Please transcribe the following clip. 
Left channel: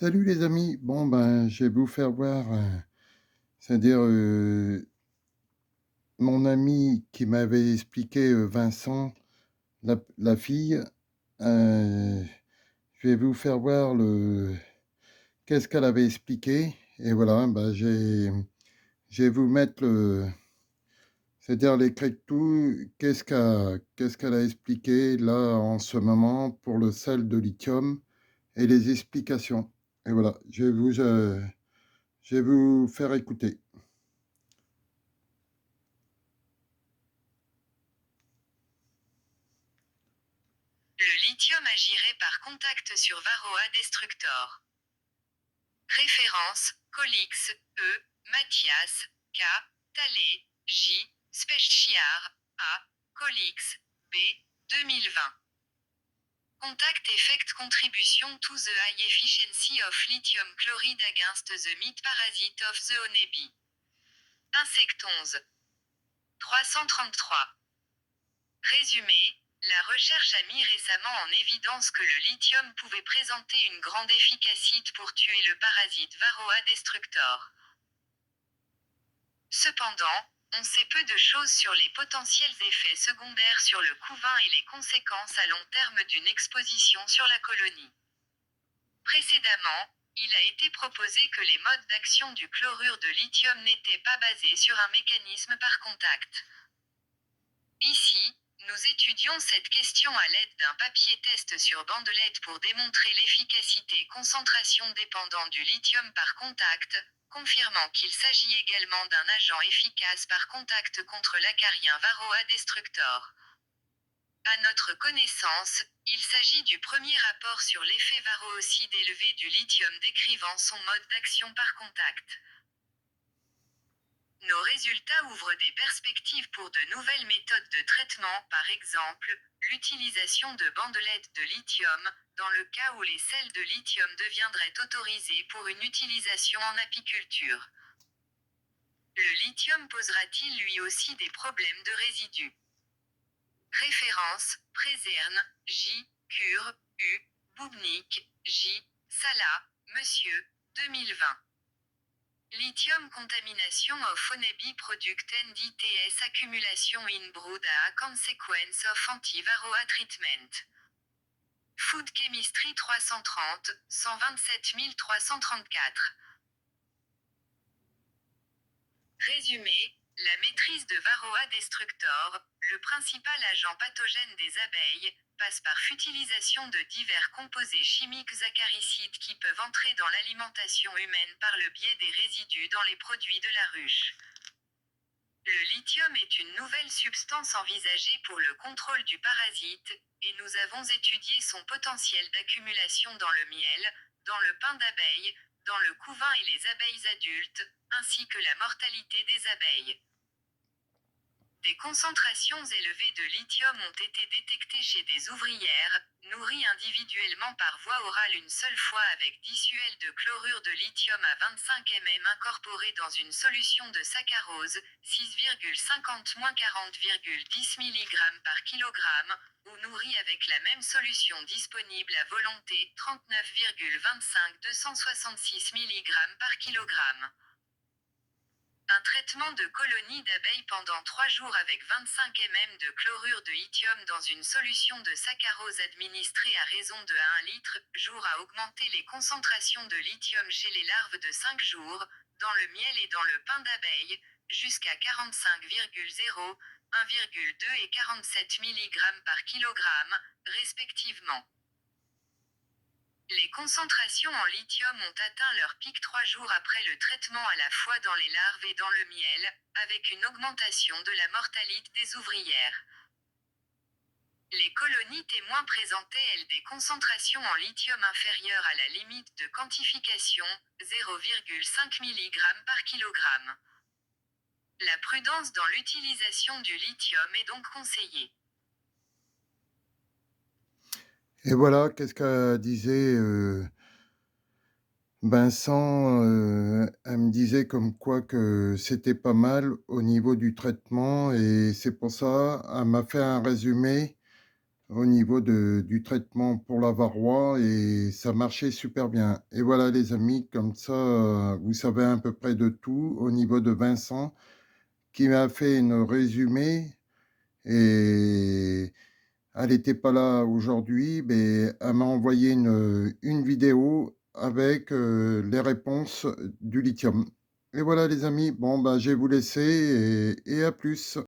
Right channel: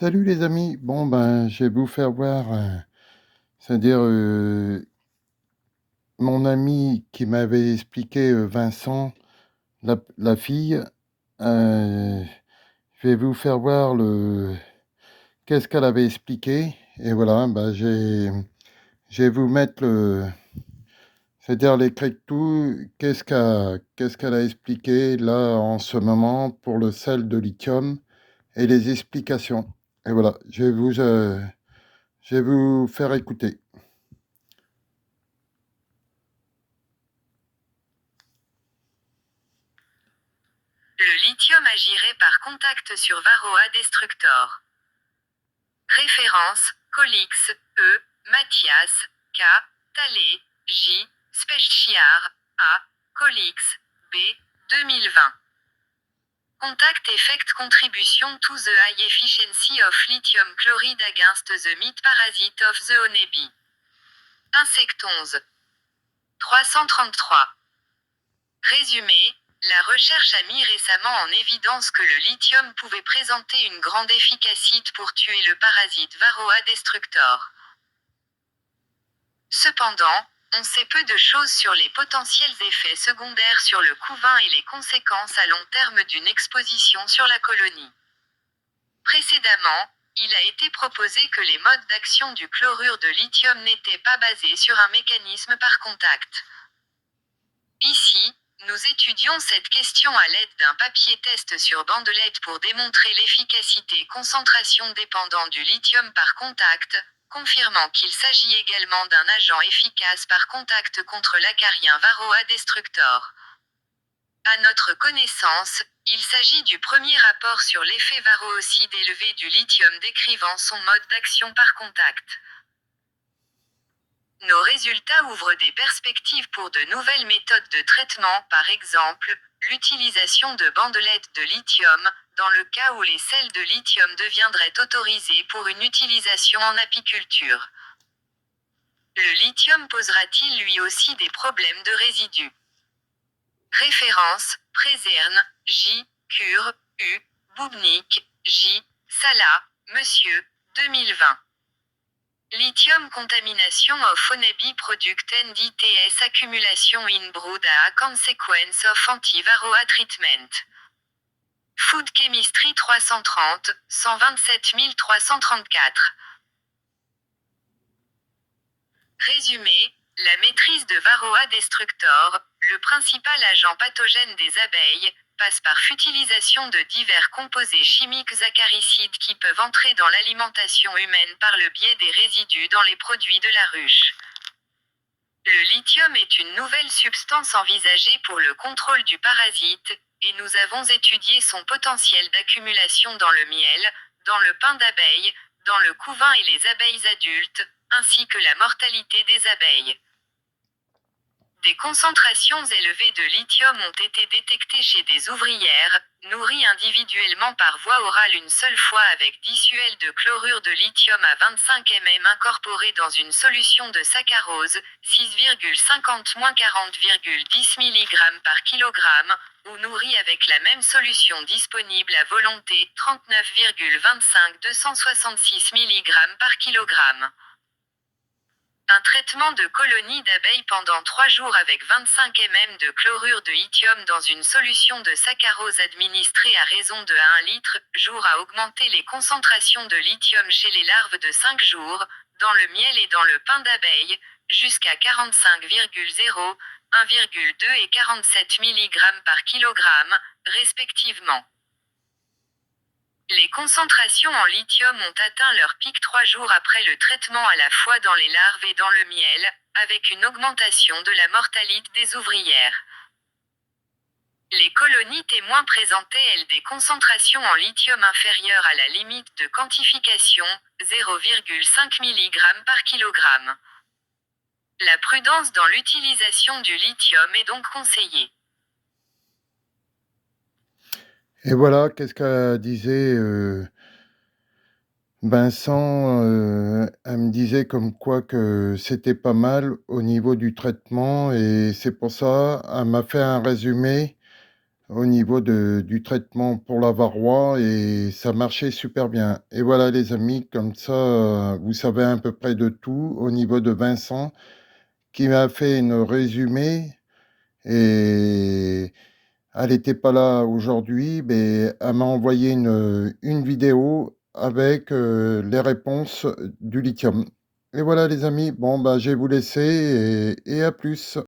Salut les amis. Bon, ben, je vais vous faire voir, c'est-à-dire, mon ami qui m'avait expliqué, Vincent, la fille, je vais vous faire voir le qu'est-ce qu'elle avait expliqué et voilà, bah, je vais vous mettre c'est-à-dire l'extrait de tout, qu'est-ce qu'elle a expliqué là, en ce moment, pour le sel de lithium et les explications et voilà, je vais vous faire écouter. Le lithium agirait par contact sur Varroa destructor. Référence, Colix, E, Mathias, K, Talley, J, Spechiar, A, Colix, B, 2020. Contact effect contribution to the high efficiency of lithium chloride against the meat parasite of the honeybee. Insect 11. 333. Résumé, la recherche a mis récemment en évidence que le lithium pouvait présenter une grande efficacité pour tuer le parasite Varroa destructor. Cependant, on sait peu de choses sur les potentiels effets secondaires sur le couvain et les conséquences à long terme d'une exposition sur la colonie. Précédemment, il a été proposé que les modes d'action du chlorure de lithium n'étaient pas basés sur un mécanisme par contact. Ici, nous étudions cette question à l'aide d'un papier test sur bandelette pour démontrer l'efficacité concentration dépendant du lithium par contact, confirmant qu'il s'agit également d'un agent efficace par contact contre l'acarien Varroa destructor. À notre connaissance, il s'agit du premier rapport sur l'effet varroocide élevé du lithium décrivant son mode d'action par contact. Nos résultats ouvrent des perspectives pour de nouvelles méthodes de traitement, par exemple, l'utilisation de bandelettes de lithium, dans le cas où les sels de lithium deviendraient autorisés pour une utilisation en apiculture. Le lithium posera-t-il lui aussi des problèmes de résidus? Référence, Prézerne, J, Cure, U, Boubnik, J, Sala, Monsieur, 2020. Lithium contamination of honeybee product and ITS accumulation in brood a consequence of anti-varroa treatment. Food Chemistry 330, 127334. Résumé, la maîtrise de Varroa destructor, le principal agent pathogène des abeilles, passe par utilisation de divers composés chimiques acaricides qui peuvent entrer dans l'alimentation humaine par le biais des résidus dans les produits de la ruche. Le lithium est une nouvelle substance envisagée pour le contrôle du parasite, et nous avons étudié son potentiel d'accumulation dans le miel, dans le pain d'abeille, dans le couvain et les abeilles adultes, ainsi que la mortalité des abeilles. Des concentrations élevées de lithium ont été détectées chez des ouvrières, nourries individuellement par voie orale une seule fois avec disuel de chlorure de lithium à 25 mm incorporé dans une solution de saccharose, 6,50-40,10 mg par kg, ou nourries avec la même solution disponible à volonté, 39,25-266 mg par kg. Un traitement de colonies d'abeilles pendant 3 jours avec 25 mm de chlorure de lithium dans une solution de saccharose administrée à raison de 1 litre jour a augmenté les concentrations de lithium chez les larves de 5 jours, dans le miel et dans le pain d'abeille, jusqu'à 45,0, 1,2 et 47 mg par kilogramme, respectivement. Les concentrations en lithium ont atteint leur pic 3 jours après le traitement à la fois dans les larves et dans le miel, avec une augmentation de la mortalité des ouvrières. Les colonies témoins présentaient elles des concentrations en lithium inférieures à la limite de quantification, 0,5 mg par kilogramme. La prudence dans l'utilisation du lithium est donc conseillée. Et voilà, qu'est-ce qu'elle disait, Vincent, elle me disait comme quoi que c'était pas mal au niveau du traitement et c'est pour ça, elle m'a fait un résumé, au niveau du traitement pour la varroa et ça marchait super bien. Et voilà les amis, comme ça, vous savez à peu près de tout au niveau de Vincent qui m'a fait une résumé et elle était pas là aujourd'hui, mais elle m'a envoyé une vidéo avec, les réponses du lithium. Et voilà les amis, bon, bah, je vais vous laisser et à plus.